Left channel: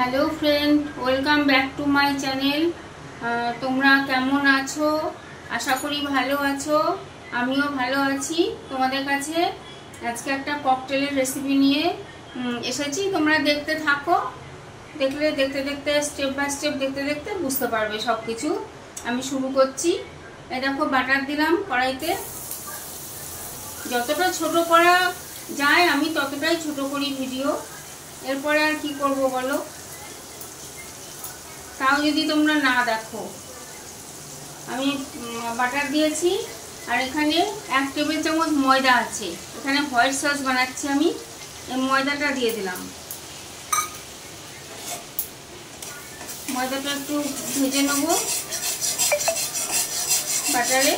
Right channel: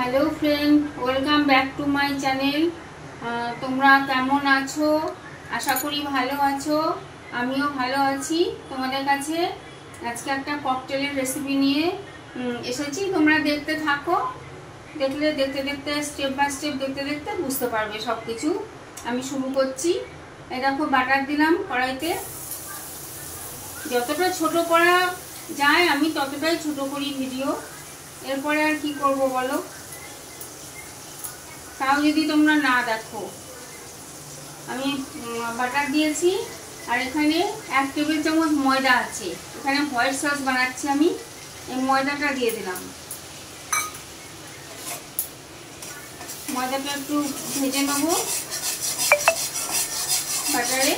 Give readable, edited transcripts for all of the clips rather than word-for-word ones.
Hello friend, welcome back to my channel. তোমরা কেমন আছো? আশা করি ভালো আছো। আমিও ভালো আছি। তোমাদের কাছে আজকে একটা ককটেলের রেসিপি নিয়ে এসেছি। তোমরা দেখতে থাকো, দেখতে দেখতে স্টেপ বাই স্টেপ দেখতে দেখতে বুঝতে পারবে সব কিছু। আমি শুরু করছি। এই দেখো, বাটার দিলাম কড়াইতে। যতটা ছোট করা যায় আমি ততটাই ছোট করি ভিডিও। এরপরে আর কি করব বলো, তাও যদি তোমরা না দেখো। আমি বাটার দিয়েছি, আর এখানে 1 টেবিল চামচ ময়দা আছে। এখানে হোয়াইট সস বানাচ্ছি আমি। এই ময়দাটা দিয়ে দিলাম। ময়দাটা একটু ভেজে নেব বাটারে।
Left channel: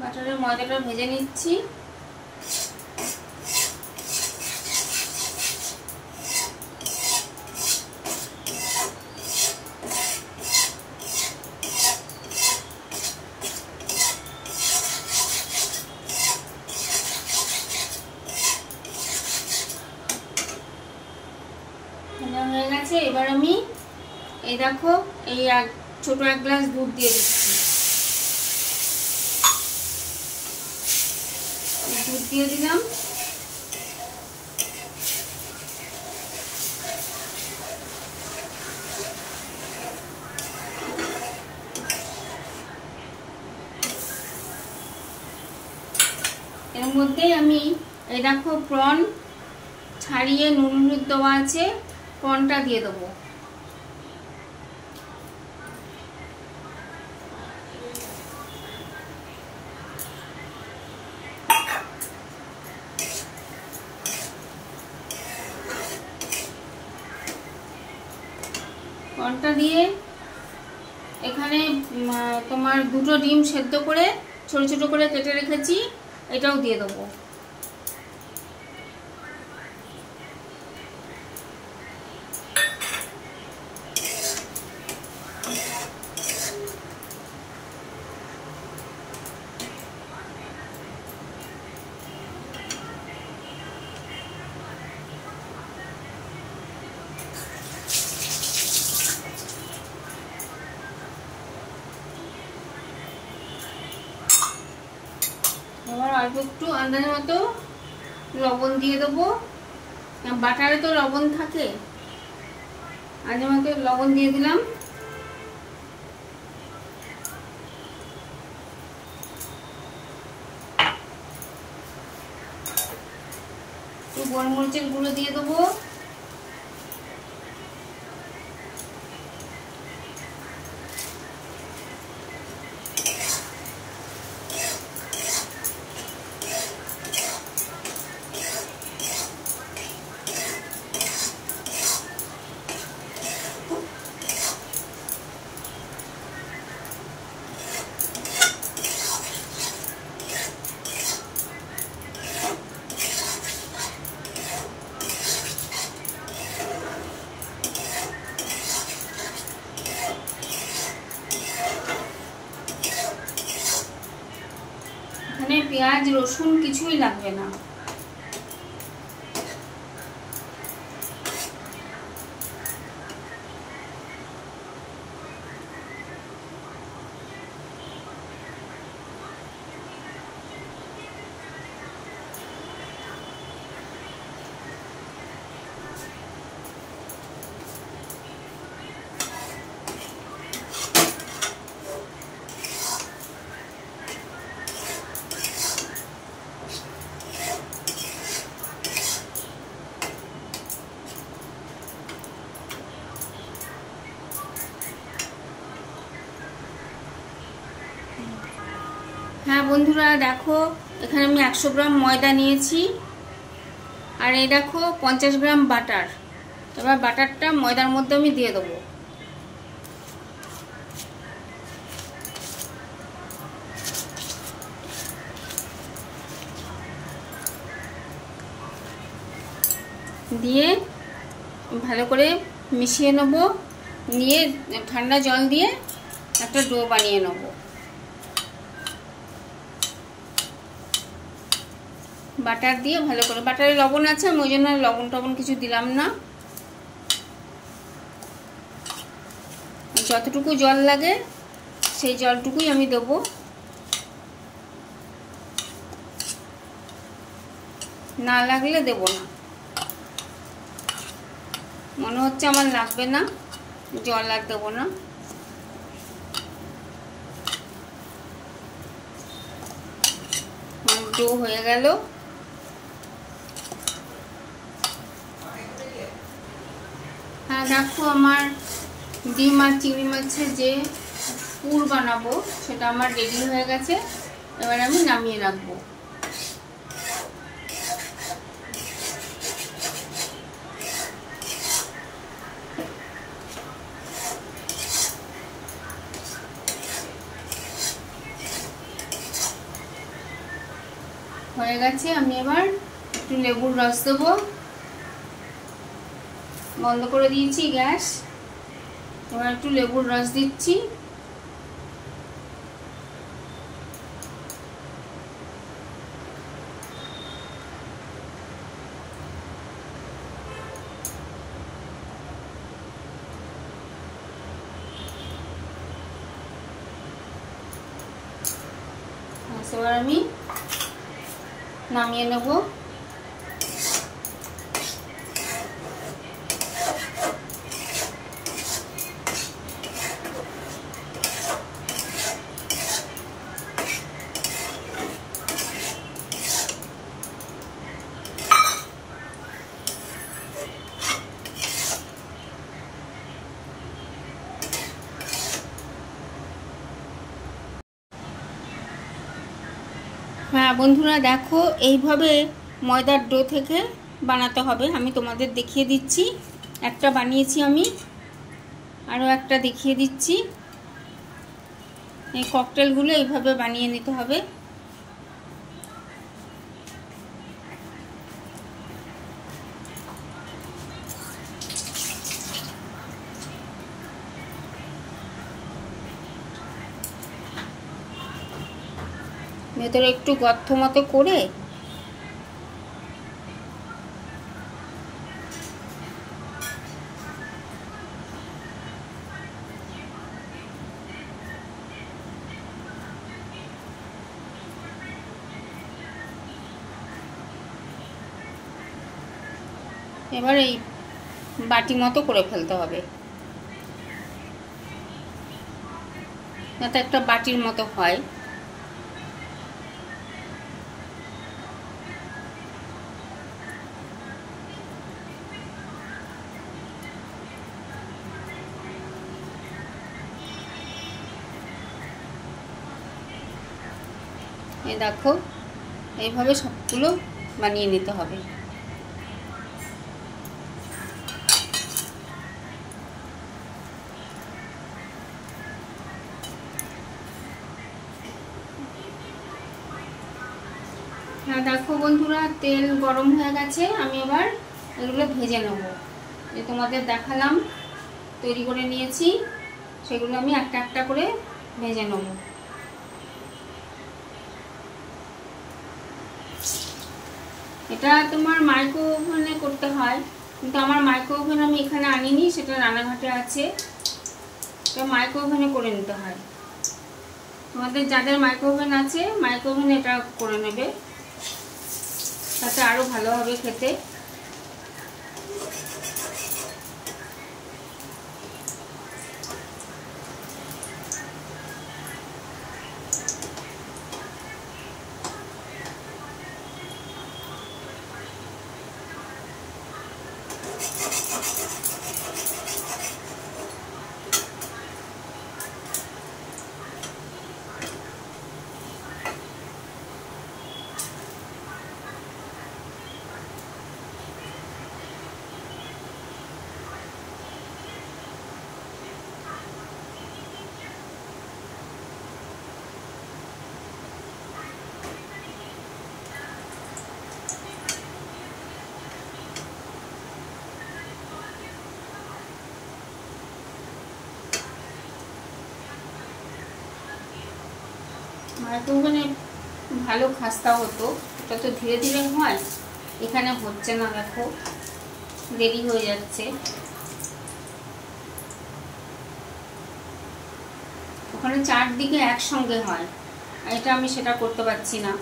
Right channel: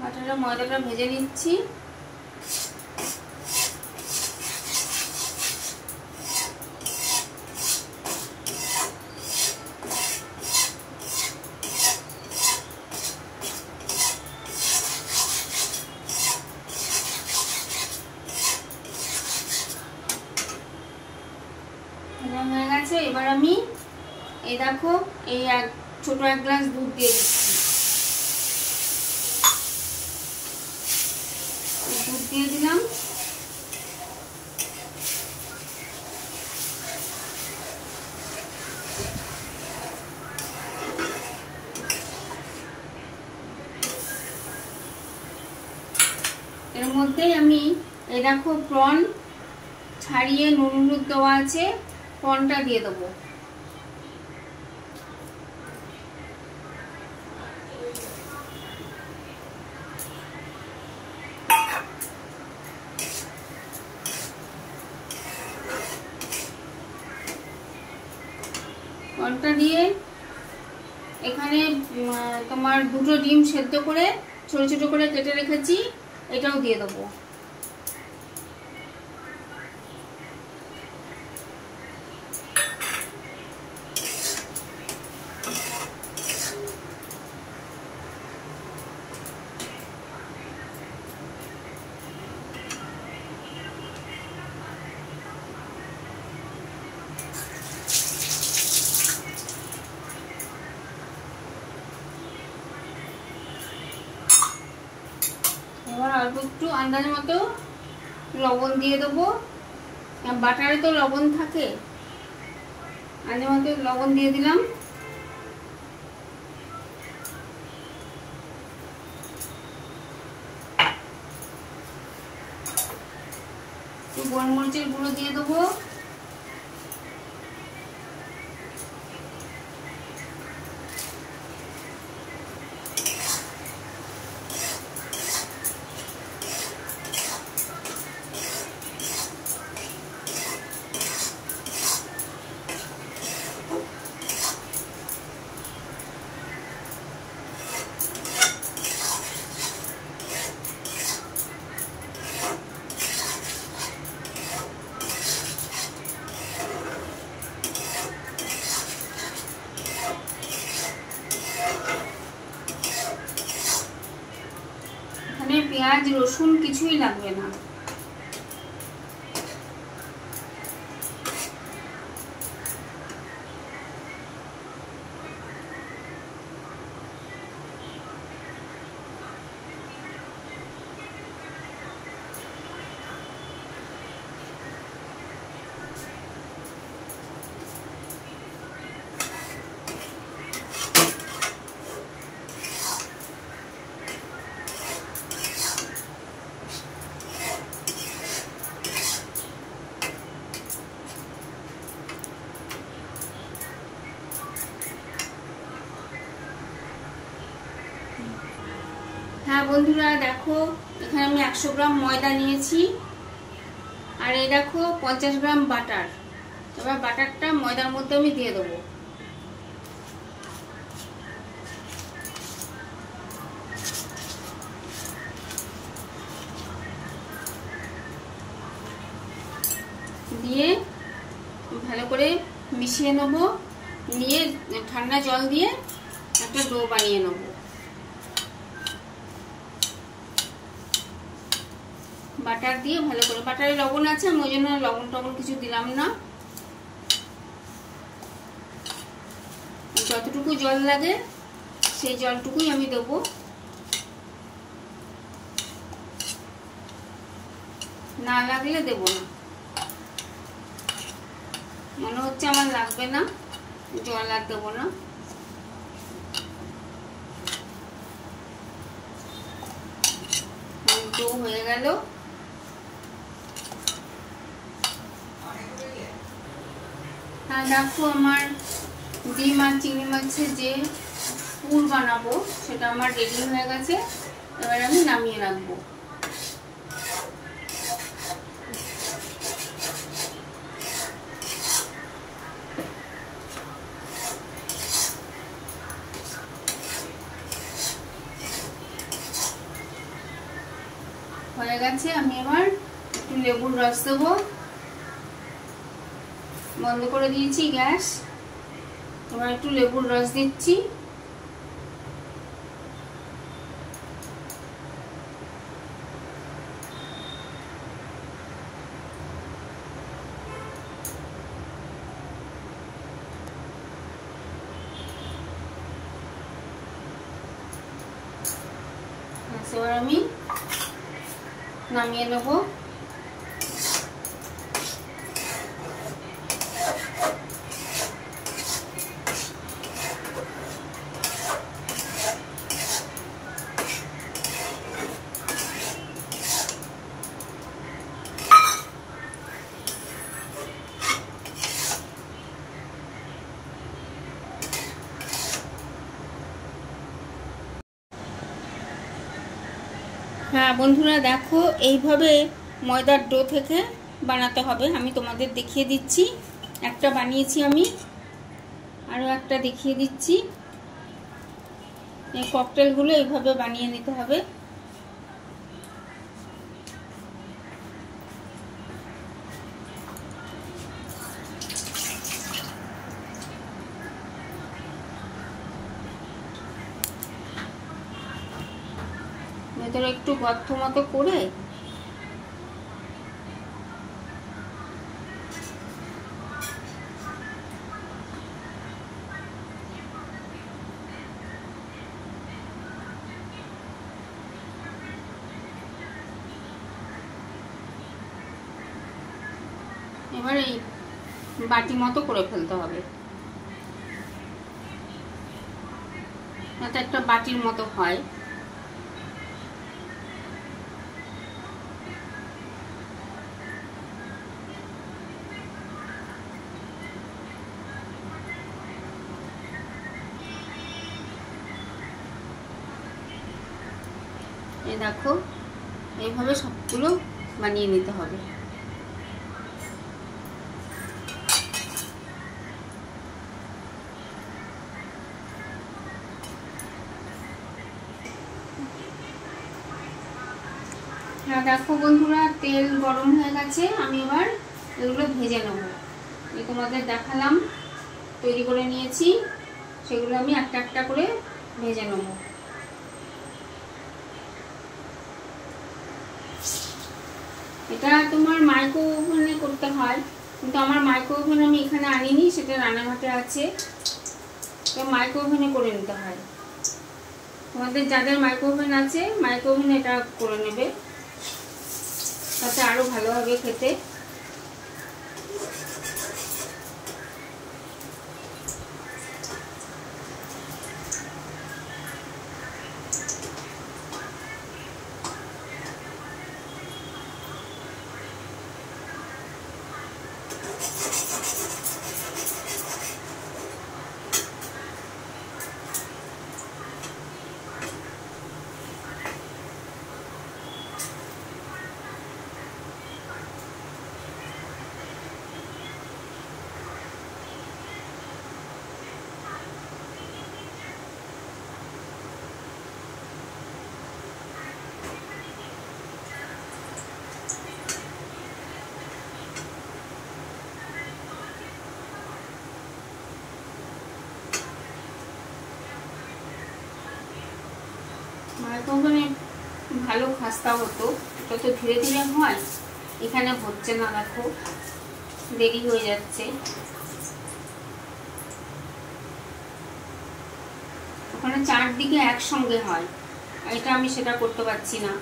বাটারে ময়দাটা ভেজে নিচ্ছি। হয়ে গেছে। এবার আমি এই দেখো, এই ছোট 1 গ্লাস দুধ দিয়ে দিচ্ছি। দুধ দিয়ে দিলাম। এর মধ্যে আমি এই দেখো, প্রন ছাড়িয়ে নুন হলুদ দেওয়া আছে, প্রনটা দিয়ে দেবো। প্রনটা দিয়ে এখানে তোমার 2টো ডিম সেদ্ধ করে ছোট ছোট করে কেটে রেখেছি, এটাও দিয়ে দেবো। এবার অল্প একটু আন্দাজ মতো লবণ দিয়ে দেবো। বাটারে তো লবণ থাকে, আন্দাজ মতো লবণ দিয়ে দিলাম। গোলমরিচের গুঁড়ো দিয়ে দেবো। এখানে পেঁয়াজ রসুন কিছুই লাগবে না। হ্যাঁ বন্ধুরা, দেখো এখানে আমি 100 গ্রাম ময়দা নিয়েছি, আর এই দেখো 50 গ্রাম বাটার। এবার বাটারটা ময়দার মধ্যে আমি দিয়ে দেবো। দিয়ে ভালো করে মিশিয়ে নেব, নিয়ে ঠান্ডা জল দিয়ে একটা ডো বানিয়ে নেব। বাটার দিয়ে ভালো করে, বাটারে লবণ আছে, আমি ওই জন্য লবণ টবণ কিছু দিলাম না। যতটুকু জল লাগে সেই জলটুকুই আমি দেবো, না লাগলে দেব না। মনে হচ্ছে আমার লাগবে না, জল আর দেবো না। ডো হয়ে গেল। হ্যাঁ দেখো, আমার ডিম আর চিংড়ি মাছের যে পুর বানাবো সেটা আমার রেডি হয়ে গেছে। এবার আমি নামিয়ে রাখবো। হয়ে গেছে। আমি এবার একটু লেবুর রস দেবো। বন্ধ করে দিয়েছি গ্যাস। এবার একটু লেবুর রস দিচ্ছি। এবার আমি নামিয়ে নেব। হ্যাঁ বন্ধুরা দেখো, এইভাবে ময়দার ডো থেকে বানাতে হবে। আমি তোমাদের দেখিয়ে দিচ্ছি। একটা বানিয়েছি আমি, আরও একটা দেখিয়ে দিচ্ছি। এই ককটেলগুলো এইভাবে বানিয়ে নিতে হবে। ভেতরে একটু গর্ত মতো করে এবার এই বাটি মতো করে ফেলতে হবে, যাতে একটা বাটির মতো হয়। এই দেখো, এইভাবে সবগুলো বানিয়ে নিতে হবে। হ্যাঁ দেখো বন্ধুরা, তেল গরম হয়ে গেছে। আমি এবার এগুলো ভেজে নেব। যে তোমাদের দেখালাম তৈরি করে নিয়েছি, সেগুলো আমি একটা একটা করে ভেজে নেব। এটা তোমার মাইক্রো ওভেনে করতে হয়, কিন্তু আমার মাইক্রো ওভেন আমি এখানে আনিনি, সেটা রানাঘাটে আছে। তো মাইক্রো ওভেনে করে নিতে হয়। তোমাদের যাদের মাইক্রো ওভেন আছে, মাইক্রো ওভেনে এটা করে নেবে, তাতে আরো ভালো হবে খেতে। মাইক্রোওভেনে ভালো খাস্তা হতো, এটা তো ধীরে ধীরে হয়, এখানে হচ্ছে না, দেখো দেরি হয়ে যাচ্ছে। ওখানে চারদিকে একসঙ্গে হয়, এটা আমি সেটা করতে পারছি না।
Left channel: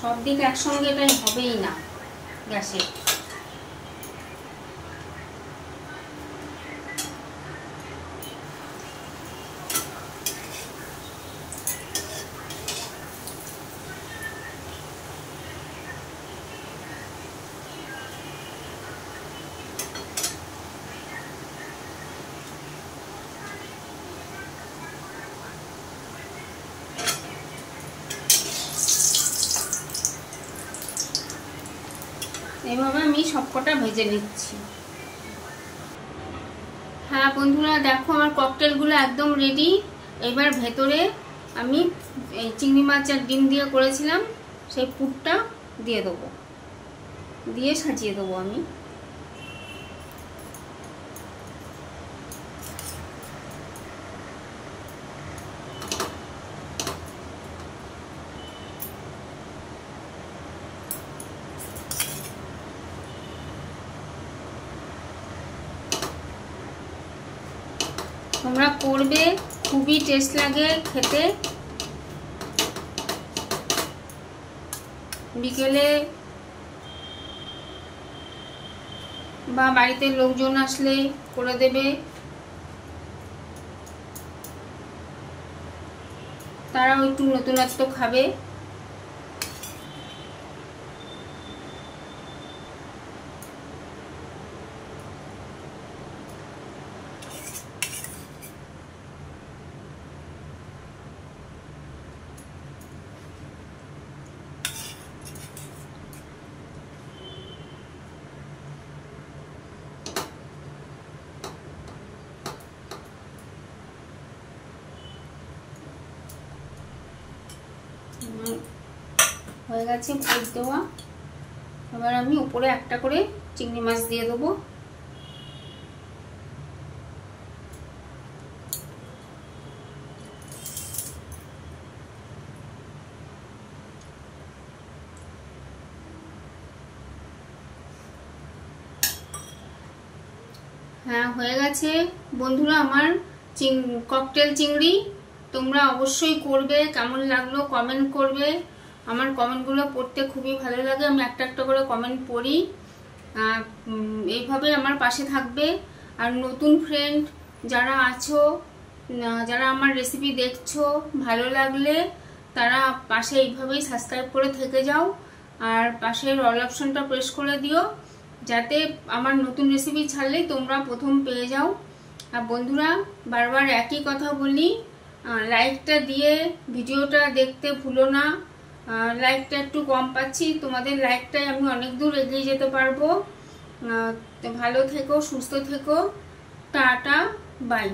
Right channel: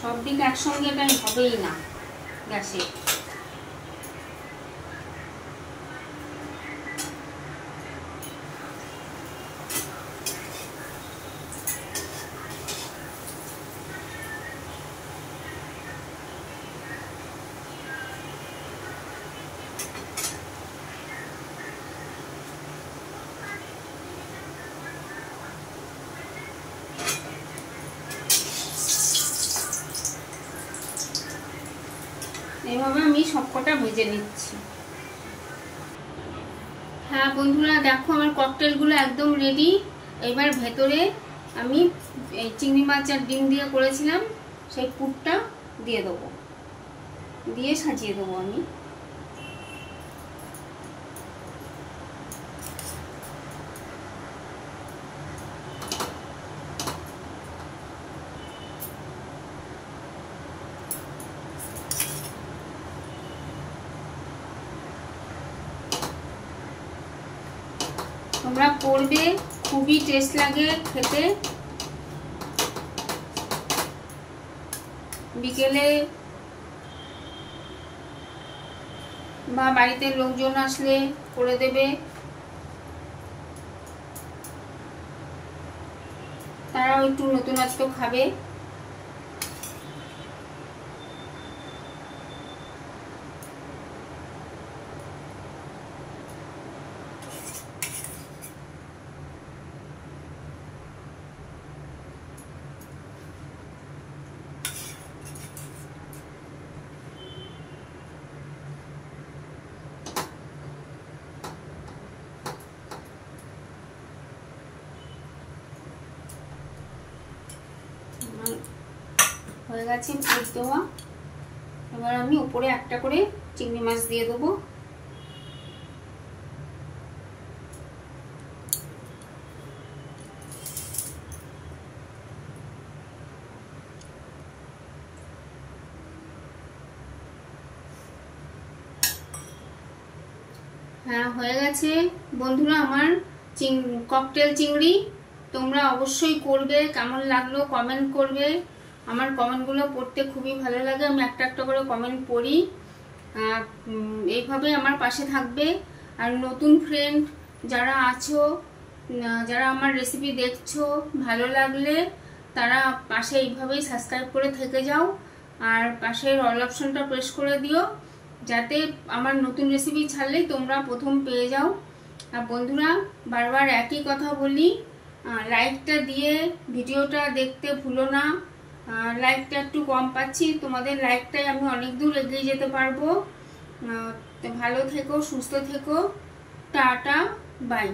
সব দিক একসঙ্গে এটাই হবেই না গ্যাসে। এভাবে আমি সবকটা ভেজে নিচ্ছি। হ্যাঁ বন্ধুরা, দেখো আমার ককটেলগুলো একদম রেডি। এবার ভেতরে আমি এই চিংড়ি মাছ আর ডিম দিয়ে করেছিলাম সেই পুরটা দিয়ে দেবো, দিয়ে সাজিয়ে দেবো আমি। তোমরা করবে, খুবই টেস্ট লাগে খেতে। বিকেলে বা বাড়িতে লোকজন আসলে করে দেবে, তারাও একটু নতুনত্ব খাবে। হয়ে গেছে পুর দেওয়া। এবার আমি উপরে একটা করে চিংড়ি মাছ দিয়ে দেবো। হ্যাঁ হয়ে গেছে বন্ধুরা আমার ককটেল চিংড়ি। তোমরা অবশ্যই করবে, কেমন লাগলো কমেন্ট করবে। আমার কমেন্টগুলো পড়তে খুবই ভালো লাগে, আমি একটা একটা করে কমেন্ট পড়ি। এইভাবে আমার পাশে থাকবে। আর নতুন ফ্রেন্ড যারা আছো, যারা আমার রেসিপি দেখছো, ভালো লাগলে তারা পাশে এইভাবেই সাবস্ক্রাইব করে থেকে যাও। আর পাশের অল অপশনটা প্রেস করে দিও, যাতে আমার নতুন রেসিপি ছাড়লেই তোমরা প্রথম পেয়ে যাও। আর বন্ধুরা, বারবার একই কথা বলি, লাইকটা দিয়ে ভিডিওটা দেখতে ভুলো না। লাইকটা একটু কম পাচ্ছি, তোমাদের লাইকটাই আমি অনেক দূর এগিয়ে যেতে পারবো। ভালো থেকো, সুস্থ থেকো, টাটা, বাই।